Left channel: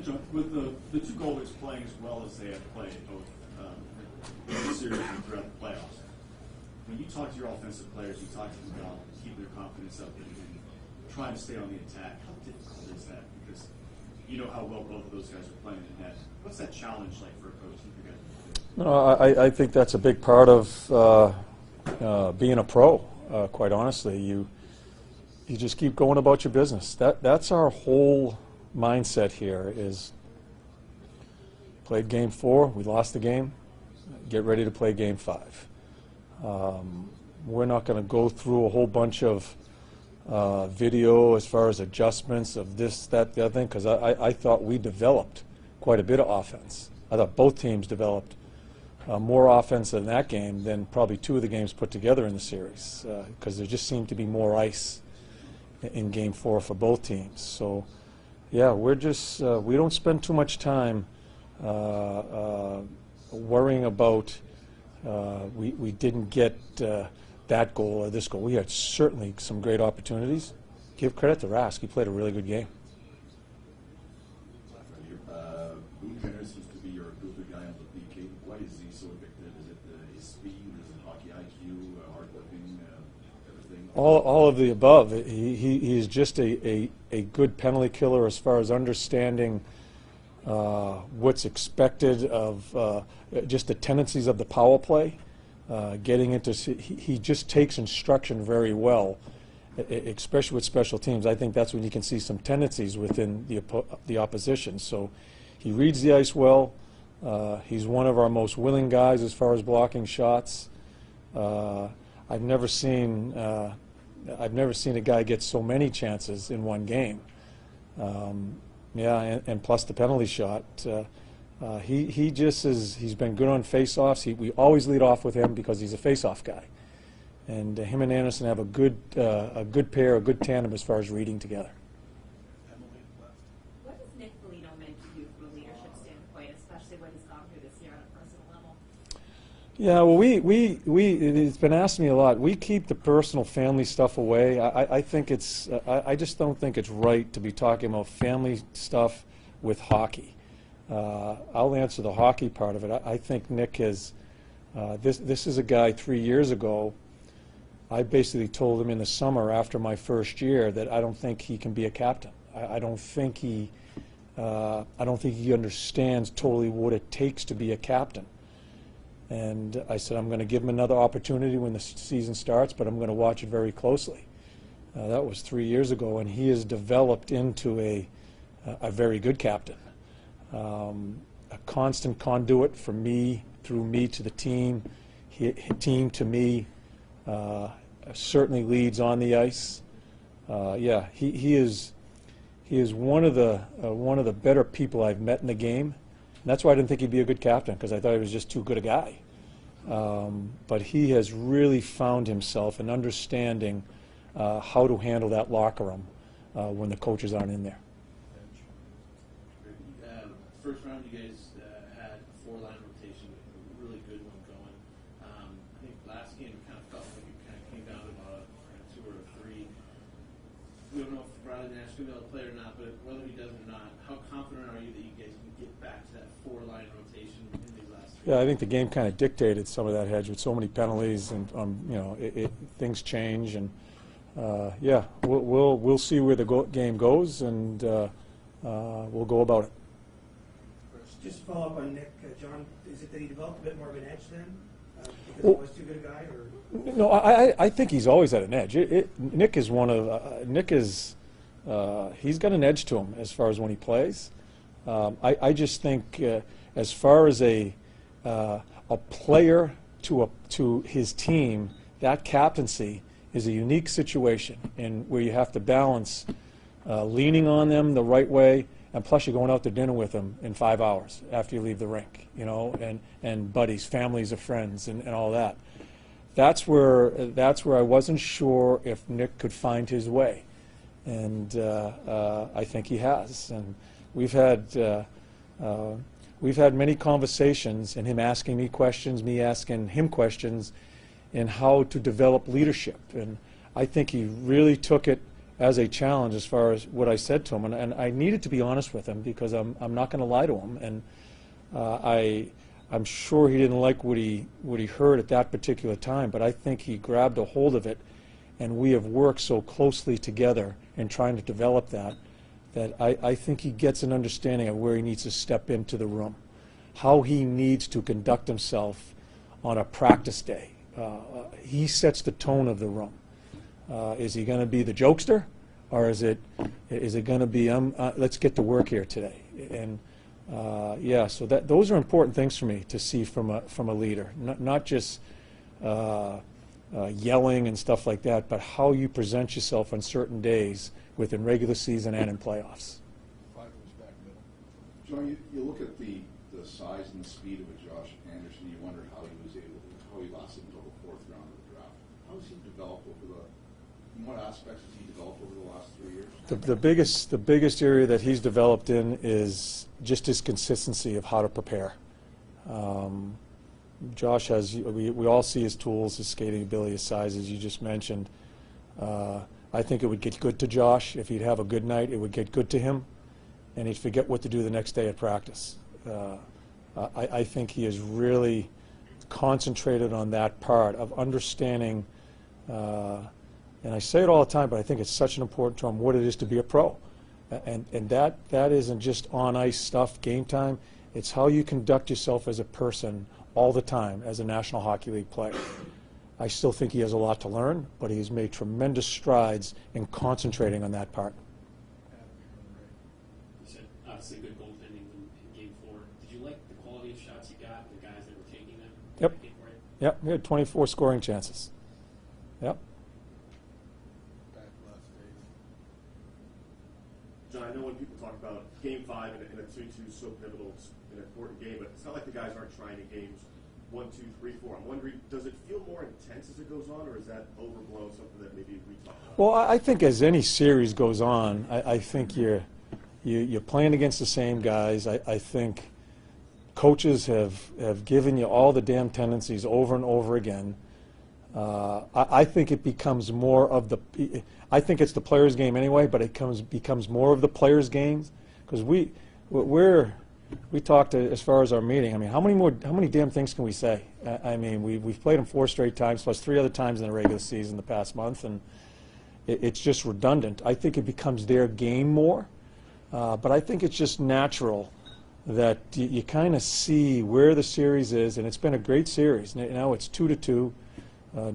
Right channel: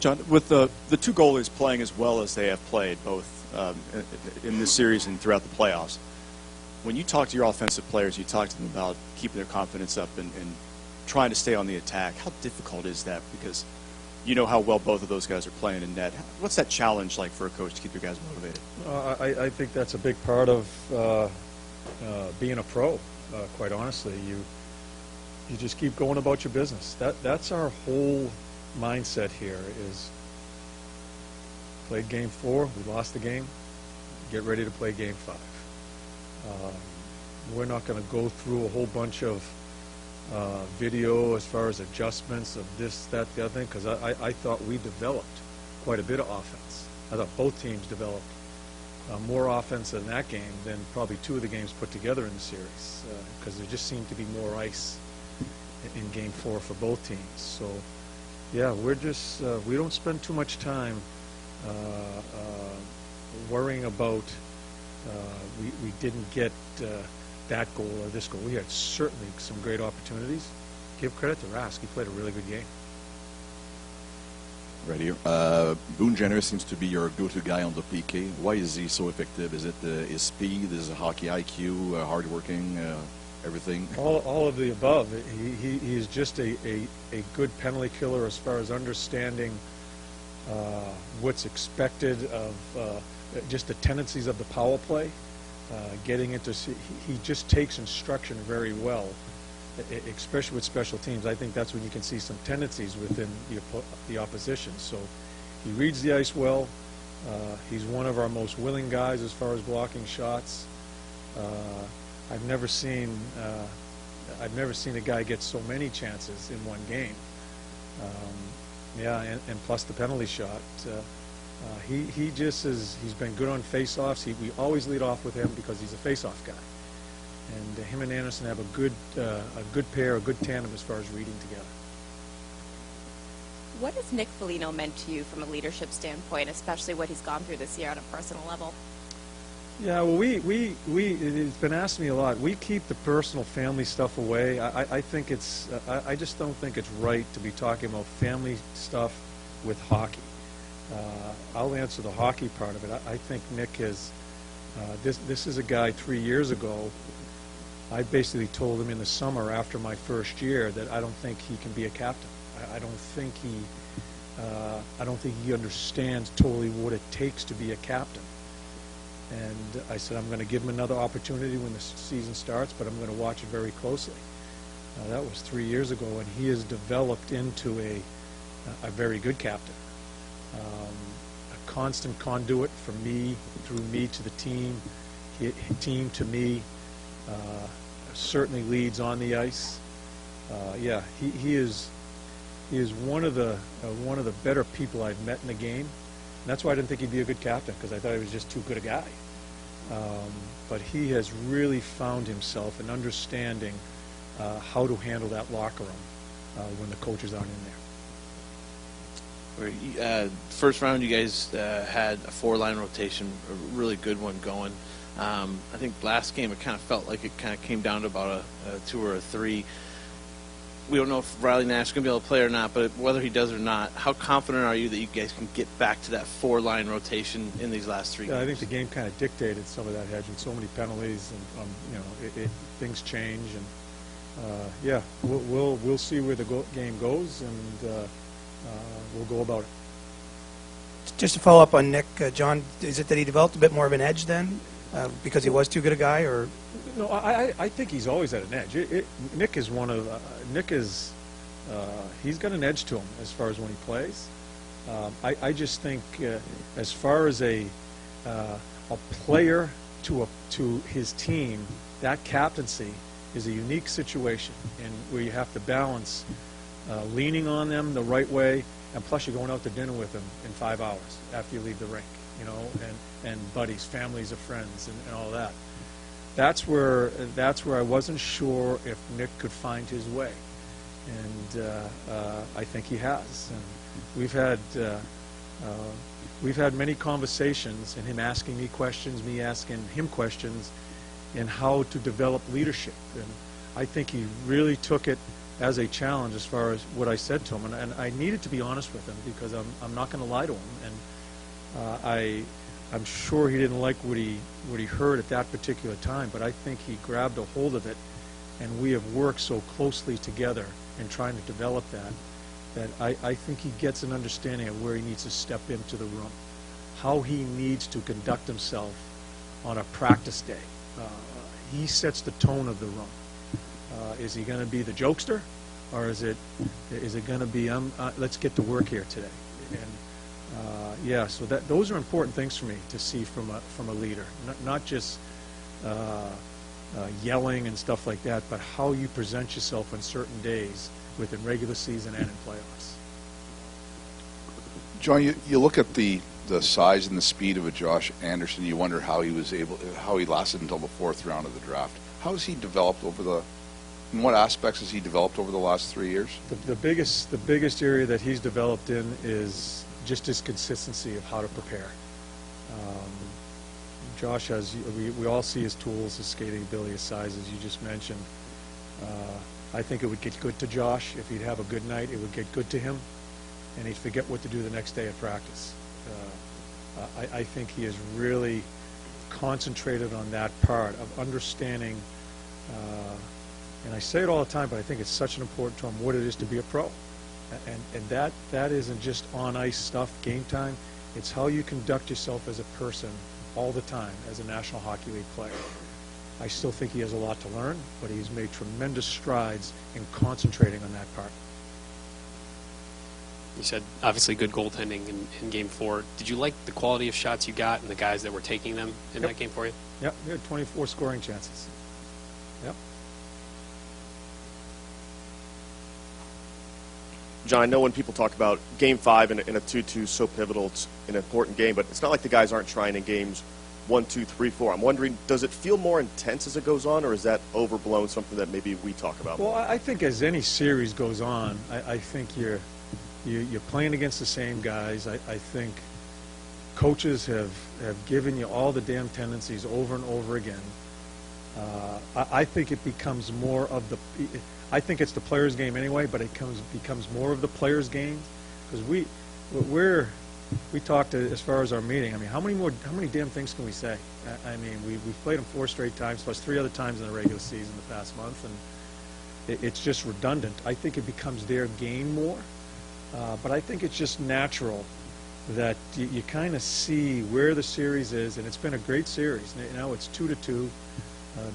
John, with the two goalies playing as well as they have played, both in this series and throughout the playoffs, when you talk to your offensive players, you talk to them about keeping their confidence up and trying to stay on the attack. How difficult is that? Because you know how well both of those guys are playing in net. What's that challenge like for a coach to keep your guys motivated? I think that's a big part of being a pro, quite honestly. You just keep going about your business. That's our whole mindset here is played game 4, we lost the game, get ready to play game 5. We're not going to go through a whole bunch of video as far as adjustments of this, that, the other thing, because I thought we developed quite a bit of offense. I thought both teams developed more offense in that game than probably 2 of the games put together in the series, because there just seemed to be more ice in game 4 for both teams. So yeah, we're just we don't spend too much time worrying about we didn't get that goal or this goal. We had certainly some great opportunities. Give credit to Rask. He played a really good game. Right here. Boone Jenner seems to be your go-to guy on the PK. Why is he so effective? Is it his speed, his hockey IQ, hardworking, everything? All of the above. He is just a good penalty killer as far as understanding what's expected of just the tendencies of the power play. Getting into, he just takes instruction very well, especially with special teams. I think that's when you can see some tendencies within the opposition. So he reads the ice well. He's one of our most willing guys as far as blocking shots. I've never seen a guy get so many chances in one game. Yeah, and plus the penalty shot. He just is. He's been good on face-offs. We always lead off with him because he's a face-off guy, and him and Anderson have a good pair, a good tandem as far as reading together. What has Nick Foligno meant to you from a leadership standpoint, especially what he's gone through this year on a personal level? Yeah, well, it's been asked me a lot. We keep the personal family stuff away. I think it's. I just don't think it's right to be talking about family stuff with hockey. I'll answer the hockey part of it. I think Nick has. This is a guy 3 years ago. I basically told him in the summer after my first year that I don't think he can be a captain. I don't think he. I don't think he understands totally what it takes to be a captain. And I said I'm going to give him another opportunity when the season starts, but I'm going to watch it very closely. That was 3 years ago, and he has developed into a very good captain. A constant conduit from me, through me to the team, team to me, certainly leads on the ice. Yeah, he is one of the better people I've met in the game. And that's why I didn't think he'd be a good captain, because I thought he was just too good a guy. But he has really found himself in understanding how to handle that locker room when the coaches aren't in there. First round, you guys had a 4-line rotation, a really good one going. I think last game it kind of felt like it kind of came down to about a 2 or a 3. We don't know if Riley Nash is going to be able to play or not, but whether he does or not, how confident are you that you guys can get back to that 4-line rotation in these last 3 games? I think the game kind of dictated some of that hedge with so many penalties, and things change, and yeah, we'll see where the game goes, and we'll go about it. Just to follow up on Nick, John, is it that he developed a bit more of an edge then, because he was too good a guy, or? No, I think he's always had an edge. Nick is one of he's got an edge to him as far as when he plays. I just think as far as a player to his team, that captaincy is a unique situation, and where you have to balance leaning on them the right way, and plus you're going out to dinner with them in 5 hours after you leave the rink, and buddies, families of friends, and all that. That's where I wasn't sure if Nick could find his way, and I think he has. And we've had many conversations, and him asking me questions, me asking him questions, in how to develop leadership. And I think he really took it as a challenge as far as what I said to him, and I needed to be honest with him because I'm not going to lie to him, and I'm sure he didn't like what he heard at that particular time, but I think he grabbed a hold of it, and we have worked so closely together in trying to develop that I think he gets an understanding of where he needs to step into the room, how he needs to conduct himself on a practice day. He sets the tone of the room. Is he going to be the jokester, or is it going to be let's get to work here today? And yeah, so those are important things for me to see from a leader, not just yelling and stuff like that, but how you present yourself on certain days within regular season and in playoffs. John, you look at the size and the speed of a Josh Anderson. You wonder how he lasted until the 4th round of the draft. How has he developed in what aspects has he developed over the last 3 years? The biggest area that he's developed in is just his consistency of how to prepare. Josh we all see his tools, his skating ability, his size, as you just mentioned. I think it would get good to Josh. If he'd have a good night, it would get good to him, and he'd forget what to do the next day at practice. I think he is really concentrated on that part of understanding, and I say it all the time, but I think it's such an important to him, what it is to be a pro. And that isn't just on-ice stuff, game time. It's how you conduct yourself as a person all the time as a National Hockey League player. I still think he has a lot to learn, but he's made tremendous strides in concentrating on that part. You said obviously good goaltending in Game 4. Did you like the quality of shots you got and the guys that were taking them in that game for you? Yep, we had 24 scoring chances. Yep. John, I know when people talk about Game 5 in a 2-2 so pivotal, it's an important game, but it's not like the guys aren't trying in games 1, 2, 3, 4. I'm wondering, does it feel more intense as it goes on, or is that overblown, something that maybe we talk about? Well, I think as any series goes on, I think you're playing against the same guys. I think coaches have given you all the damn tendencies over and over again. I think it becomes more of the. I think it's the players' game anyway, but it becomes more of the players' game because we talked as far as our meeting. I mean, how many damn things can we say? I mean, we've played them 4 straight times, plus 3 other times in the regular season the past month, and it's just redundant. I think it becomes their game more, but I think it's just natural that you kind of see where the series is, and it's been a great series. Now it's 2-2.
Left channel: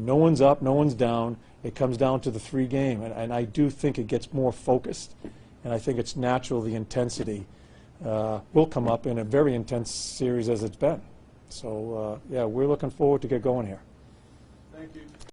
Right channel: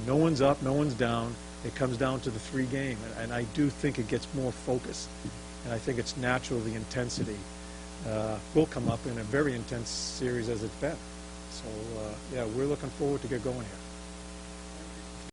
No one's up, no one's down. It comes down to the 3 game, and I do think it gets more focused, and I think it's natural the intensity will come up in a very intense series as it's been. So, yeah, we're looking forward to get going here. Thank you.